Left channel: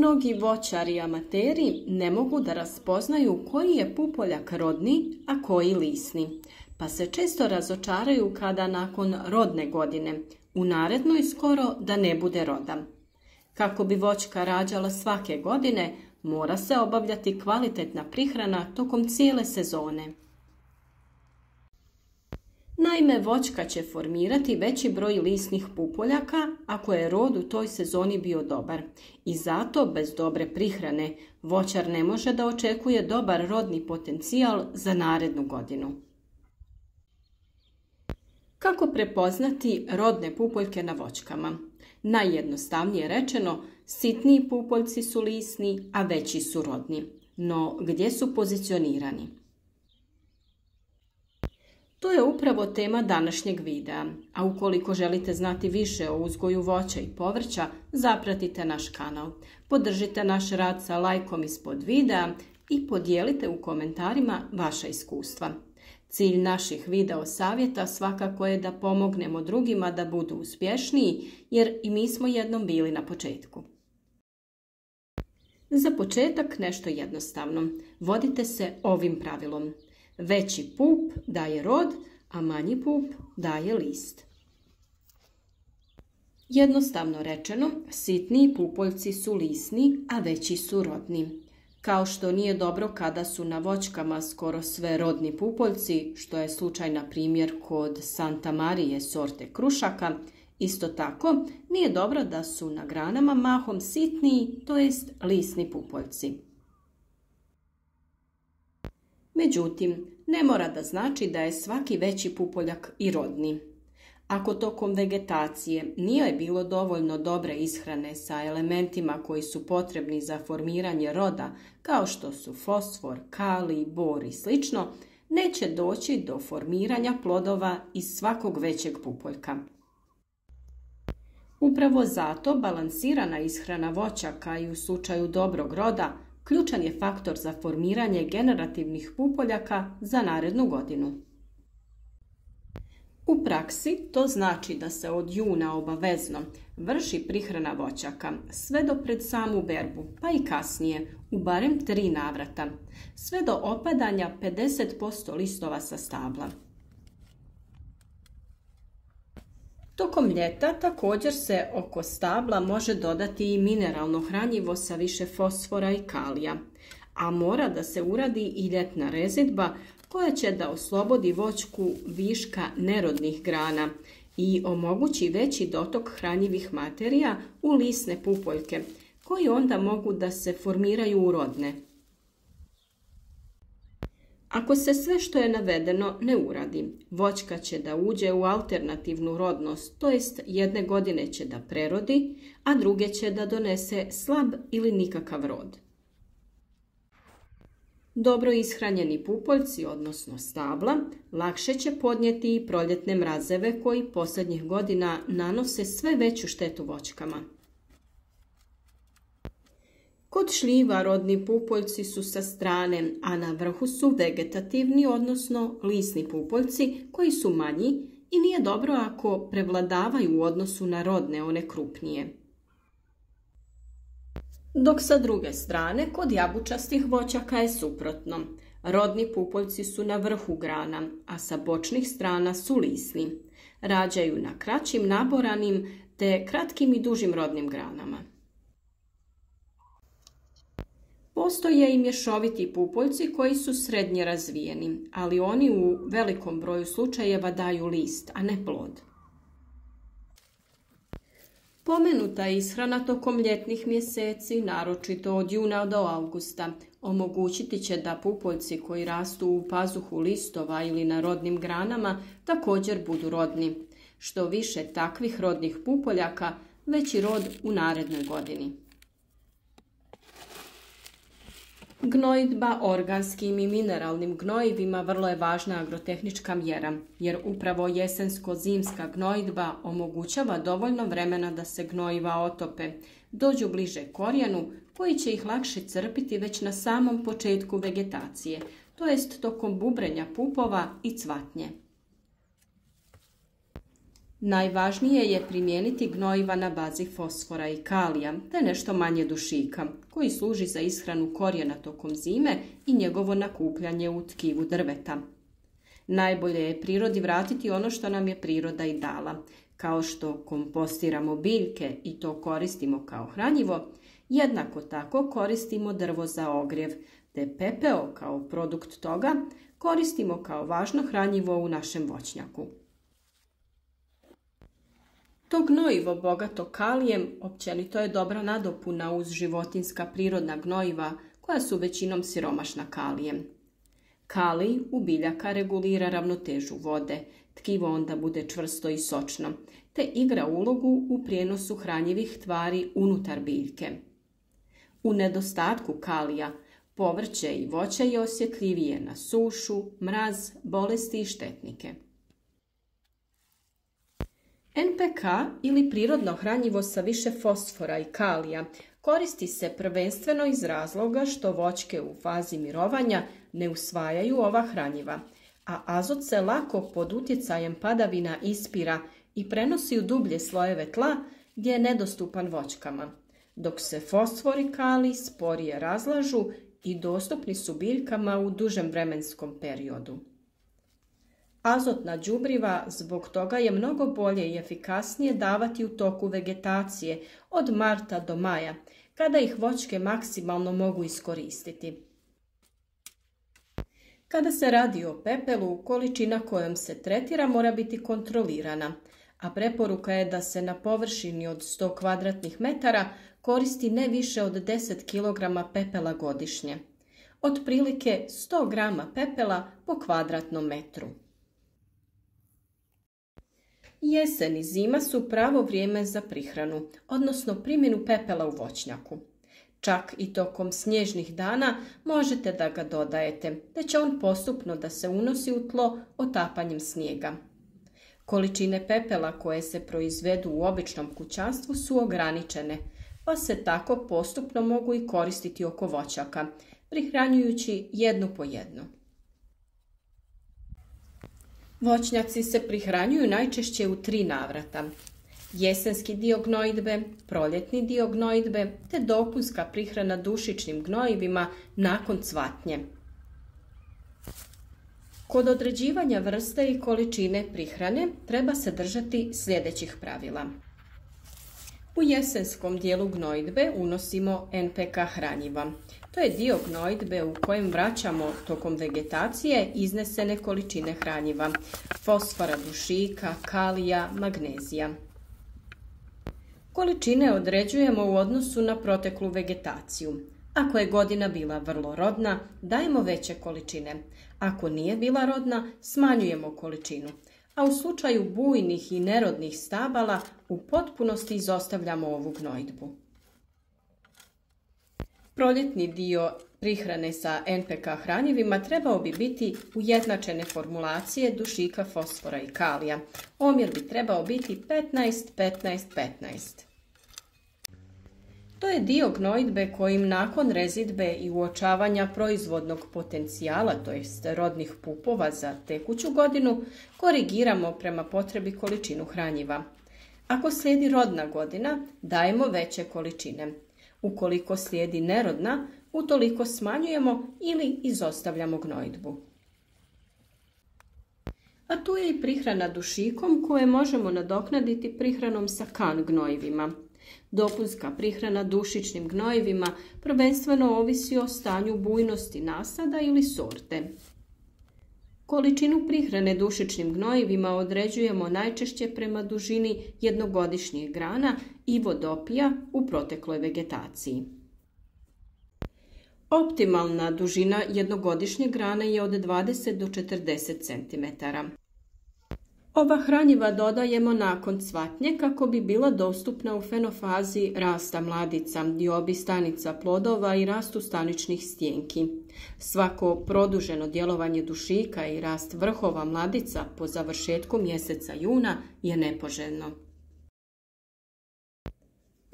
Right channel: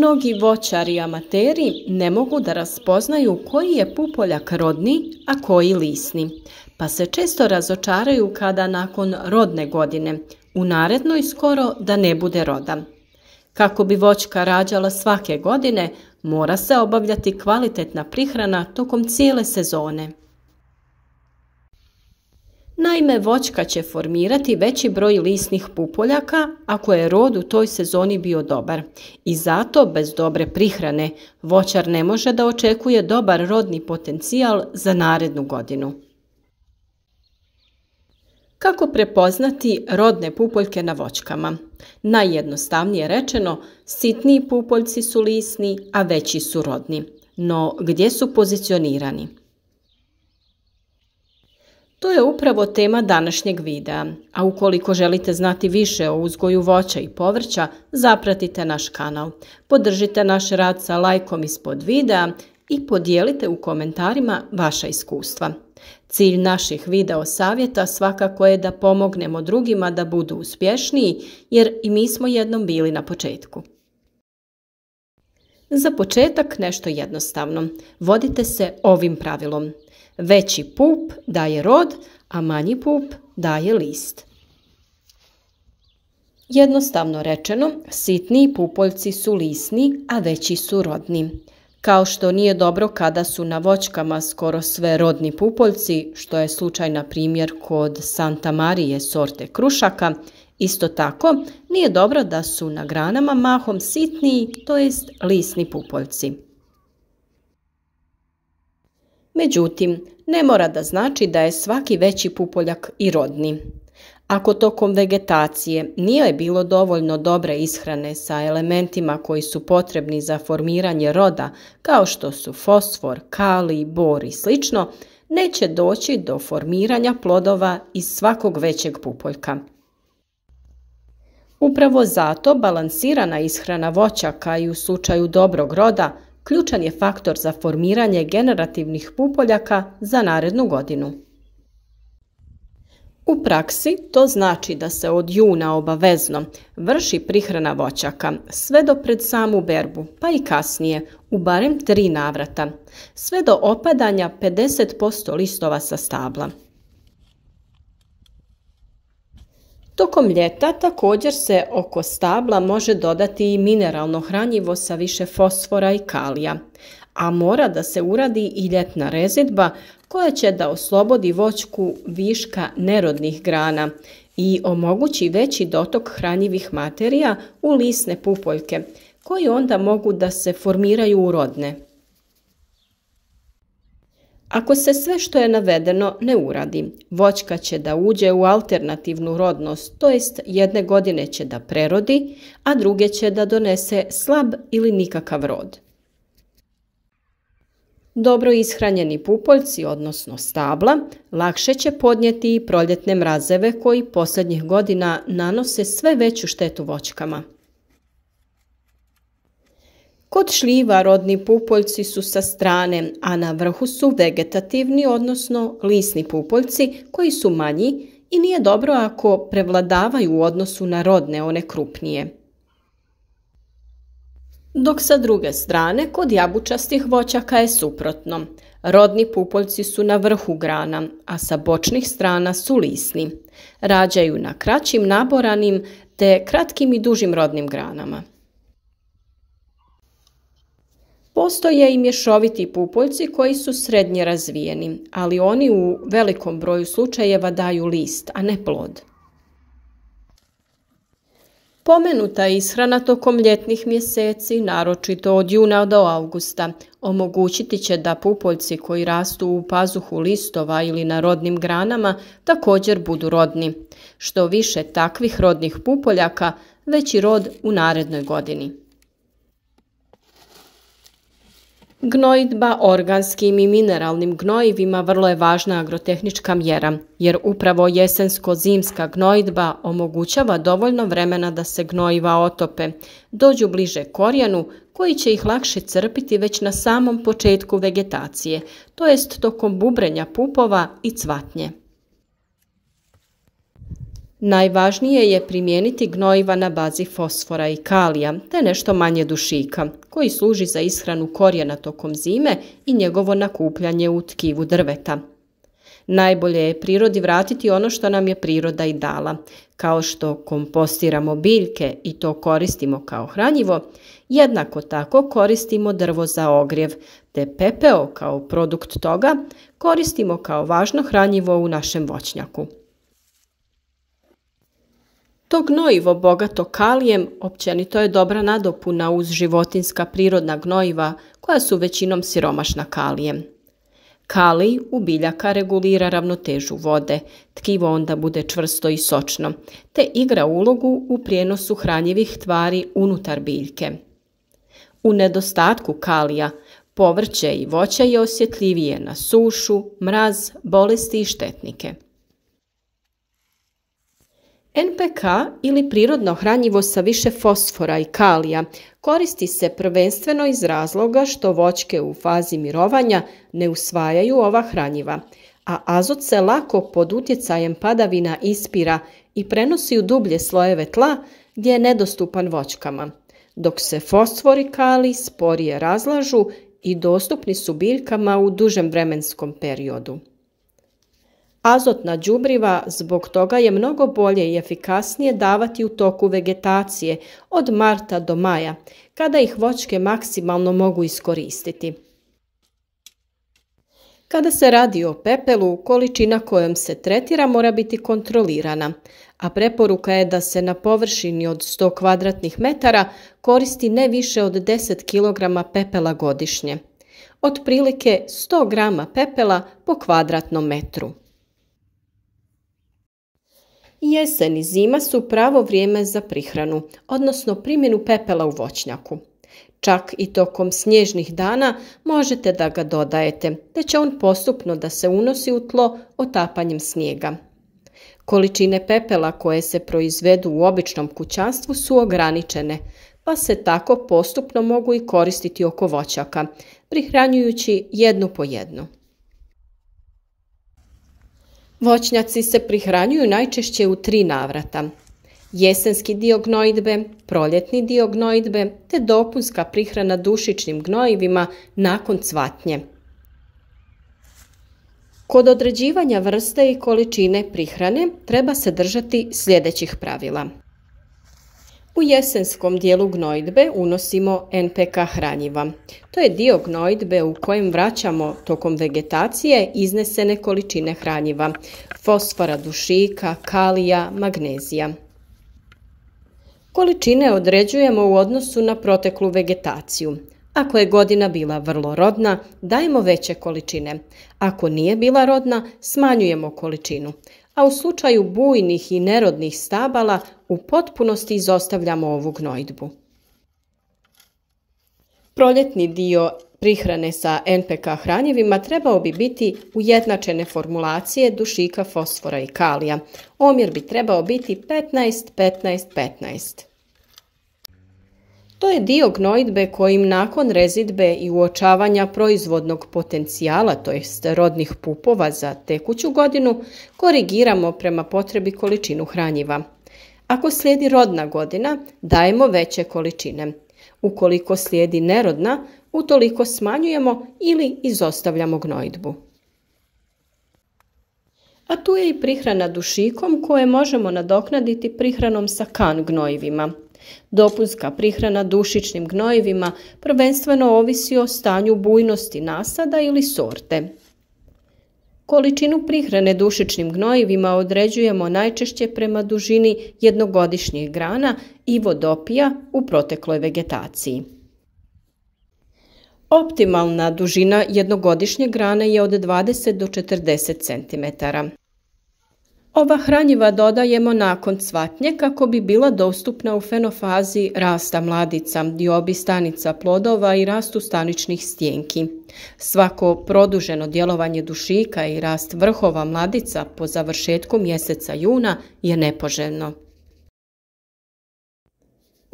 Mnogi voćari i amateri ne mogu da raspoznaju koji je pupoljak rodni, a koji lisni, pa se često razočaraju kada nakon rodne godine u narednoj skoro da ne bude roda. Kako bi voćka rađala svake godine, mora se obavljati kvalitetna prihrana tokom cijele sezone. Naime, voćka će formirati veći broj lisnih pupoljaka ako je rod u toj sezoni bio dobar i zato bez dobre prihrane voćar ne može da očekuje dobar rodni potencijal za narednu godinu. Kako prepoznati rodne pupoljke na voćkama? Najjednostavnije rečeno, sitniji pupoljci su lisni, a veći su rodni. No, gdje su pozicionirani? To je upravo tema današnjeg videa, a ukoliko želite znati više o uzgoju voća i povrća, zapratite naš kanal. Podržite naš rad sa lajkom ispod videa i podijelite u komentarima vaša iskustva. Cilj naših video savjeta svakako je da pomognemo drugima da budu uspješniji, jer i mi smo jednom bili na početku. Za početak nešto jednostavno. Vodite se ovim pravilom. Veći pup daje rod, a manji pup daje list. Jednostavno rečeno, sitniji pupoljci su lisni, a veći su rodni. Kao što nije dobro kada su na voćkama skoro sve rodni pupoljci, što je slučaj na primjer kod Santa Marije sorte krušaka, isto tako nije dobro da su na granama mahom sitniji, to jest lisni pupoljci. Međutim, ne mora da znači da je svaki veći pupoljak i rodni. Ako tokom vegetacije nije bilo dovoljno dobre ishrane sa elementima koji su potrebni za formiranje roda, kao što su fosfor, kalij, bor i sl., neće doći do formiranja plodova iz svakog većeg pupoljka. Upravo zato balansirana ishrana voćaka i u slučaju dobrog roda ključan je faktor za formiranje generativnih pupoljaka za narednu godinu. U praksi to znači da se od juna obavezno vrši prihrana voćaka sve do pred samu berbu, pa i kasnije, u barem 3 navrata, sve do opadanja 50% listova sa stabla. Tokom ljeta također se oko stabla može dodati i mineralno hranjivo sa više fosfora i kalija, a mora da se uradi i ljetna rezidba koja će da oslobodi voćku viška nerodnih grana i omogući veći dotok hranjivih materija u lisne pupoljke, koji onda mogu da se formiraju u rodne. Ako se sve što je navedeno ne uradi, voćka će da uđe u alternativnu rodnost, to jest jedne godine će da prerodi, a druge će da donese slab ili nikakav rod. Dobro ishranjeni pupoljci, odnosno stabla, lakše će podnijeti i proljetne mrazeve koji posljednjih godina nanose sve veću štetu voćkama. Kod šljiva rodni pupoljci su sa strane, a na vrhu su vegetativni, odnosno lisni pupoljci koji su manji i nije dobro ako prevladavaju u odnosu na rodne, one krupnije. Dok sa druge strane, kod jabučastih voćaka je suprotno. Rodni pupoljci su na vrhu grana, a sa bočnih strana su lisni. Rađaju na kraćim naboranim te kratkim i dužim rodnim granama. Postoje i mješoviti pupoljci koji su srednje razvijeni, ali oni u velikom broju slučajeva daju list, a ne plod. Pomenuta ishrana tokom ljetnih mjeseci, naročito od juna do avgusta, omogućiti će da pupoljci koji rastu u pazuhu listova ili na rodnim granama također budu rodni. Što više takvih rodnih pupoljaka, veći rod u narednoj godini. Gnojidba organskim i mineralnim gnojivima vrlo je važna agrotehnička mjera, jer upravo jesensko-zimska gnojidba omogućava dovoljno vremena da se gnojiva otope, dođu bliže korijenu koji će ih lakše crpiti već na samom početku vegetacije, to jest tokom bubrenja pupova i cvatnje. Najvažnije je primijeniti gnojiva na bazi fosfora i kalija, te nešto manje dušika, koji služi za ishranu korijena tokom zime i njegovo nakupljanje u tkivu drveta. Najbolje je prirodi vratiti ono što nam je priroda i dala, kao što kompostiramo biljke i to koristimo kao hranjivo, jednako tako koristimo drvo za ogrjev, te pepeo kao produkt toga koristimo kao važno hranjivo u našem voćnjaku. To gnojivo bogato kalijem općenito je dobra nadopuna uz životinjska prirodna gnojiva koja su većinom siromašna kalijem. Kalij u biljaka regulira ravnotežu vode, tkivo onda bude čvrsto i sočno, te igra ulogu u prijenosu hranjivih tvari unutar biljke. U nedostatku kalija, povrće i voće je osjetljivije na sušu, mraz, bolesti i štetnike. NPK ili prirodno hranjivo sa više fosfora i kalija koristi se prvenstveno iz razloga što voćke u fazi mirovanja ne usvajaju ova hranjiva, a azot se lako pod utjecajem padavina ispira i prenosi u dublje slojeve tla gdje je nedostupan voćkama, dok se fosfor i kalij sporije razlažu i dostupni su biljkama u dužem vremenskom periodu. Azotna đubriva zbog toga je mnogo bolje i efikasnije davati u toku vegetacije od marta do maja, kada ih voćke maksimalno mogu iskoristiti. Kada se radi o pepelu, količina kojom se tretira mora biti kontrolirana, a preporuka je da se na površini od 100 kvadratnih metara koristi ne više od 10 kg pepela godišnje, otprilike 100 grama pepela po kvadratnom metru. Jesen i zima su pravo vrijeme za prihranu, odnosno primjenu pepela u voćnjaku. Čak i tokom snježnih dana možete da ga dodajete, te će on postupno da se unosi u tlo otapanjem snijega. Količine pepela koje se proizvedu u običnom kućanstvu su ograničene, pa se tako postupno mogu i koristiti oko voćaka, prihranjujući jednu po jednu. Voćnjaci se prihranjuju najčešće u 3 navrata. Jesenski dio gnojidbe, proljetni dio gnojidbe te dopunska prihrana dušičnim gnojivima nakon cvatnje. Kod određivanja vrste i količine prihrane treba se držati sljedećih pravila. U jesenskom dijelu gnojidbe unosimo NPK hranjiva. To je dio gnojidbe u kojem vraćamo tokom vegetacije iznesene količine hranjiva, fosfora, dušika, kalija, magnezija. Količine određujemo u odnosu na proteklu vegetaciju. Ako je godina bila vrlo rodna, dajemo veće količine. Ako nije bila rodna, smanjujemo količinu. A u slučaju bujnih i nerodnih stabala u potpunosti izostavljamo ovu gnojidbu. Proljetni dio prihrane sa NPK hranjivima trebao bi biti ujednačene formulacije dušika, fosfora i kalija. Omjer bi trebao biti 15-15-15. To je dio gnojidbe kojim nakon rezidbe i uočavanja proizvodnog potencijala, to jest rodnih pupova za tekuću godinu, korigiramo prema potrebi količinu hranjiva. Ako slijedi rodna godina, dajemo veće količine. Ukoliko slijedi nerodna, utoliko smanjujemo ili izostavljamo gnojidbu. A tu je i prihrana dušikom koje možemo nadoknaditi prihranom sa kan gnojivima. Dopunska prihrana dušičnim gnojivima prvenstveno ovisi o stanju bujnosti nasada ili sorte. Količinu prihrane dušičnim gnojivima određujemo najčešće prema dužini jednogodišnjih grana i vodopija u protekloj vegetaciji. Optimalna dužina jednogodišnje grane je od 20 do 40 cm. Ova hranjiva dodajemo nakon cvatnje kako bi bila dostupna u fenofazi rasta mladica, diobi stanica plodova i rastu staničnih stjenki. Svako produženo djelovanje dušika i rast vrhova mladica po završetku mjeseca juna je nepoželjno. U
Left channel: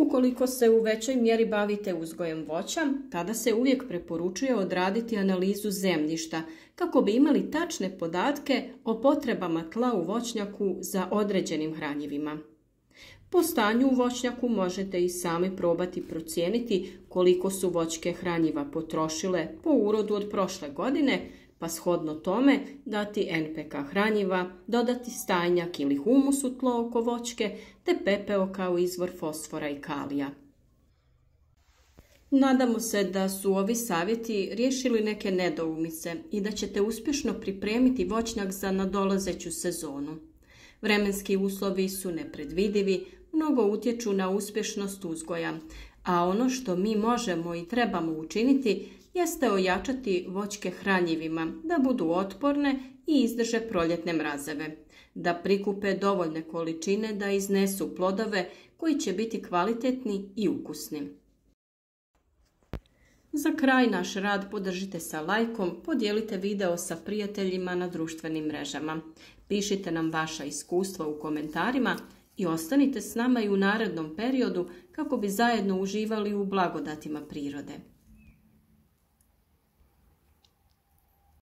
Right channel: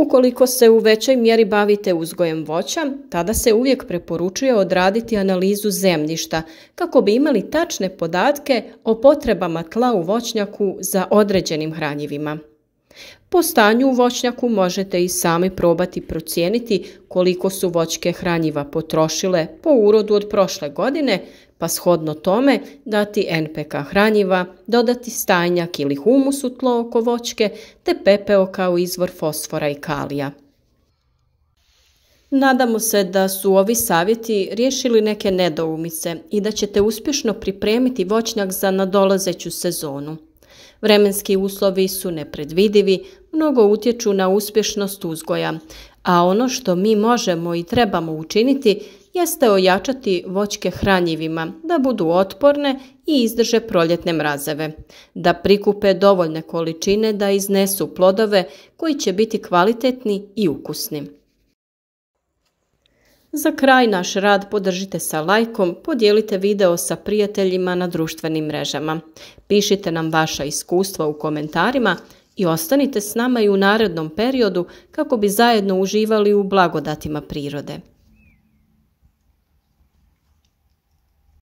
Ukoliko se u većoj mjeri bavite uzgojem voća, tada se uvijek preporučuje odraditi analizu zemljišta kako bi imali tačne podatke o potrebama tla u voćnjaku za određenim hranjivima. Po stanju u voćnjaku možete i sami probati procijeniti koliko su voćke hranjiva potrošile po urodu od prošle godine, pa shodno tome dati NPK hranjiva, dodati stajnjak ili humus u tlo oko voćke te pepeo kao izvor fosfora i kalija. Nadamo se da su ovi savjeti riješili neke nedoumice i da ćete uspješno pripremiti voćnjak za nadolazeću sezonu. Vremenski uslovi su nepredvidivi, mnogo utječu na uspješnost uzgoja, a ono što mi možemo i trebamo učiniti jeste ojačati voćke hranjivima da budu otporne i izdrže proljetne mrazeve, da prikupe dovoljne količine da iznesu plodove koji će biti kvalitetni i ukusni. Za kraj naš rad podržite sa lajkom, podijelite video sa prijateljima na društvenim mrežama. Pišite nam vaša iskustva u komentarima i ostanite s nama i u narednom periodu kako bi zajedno uživali u blagodatima prirode.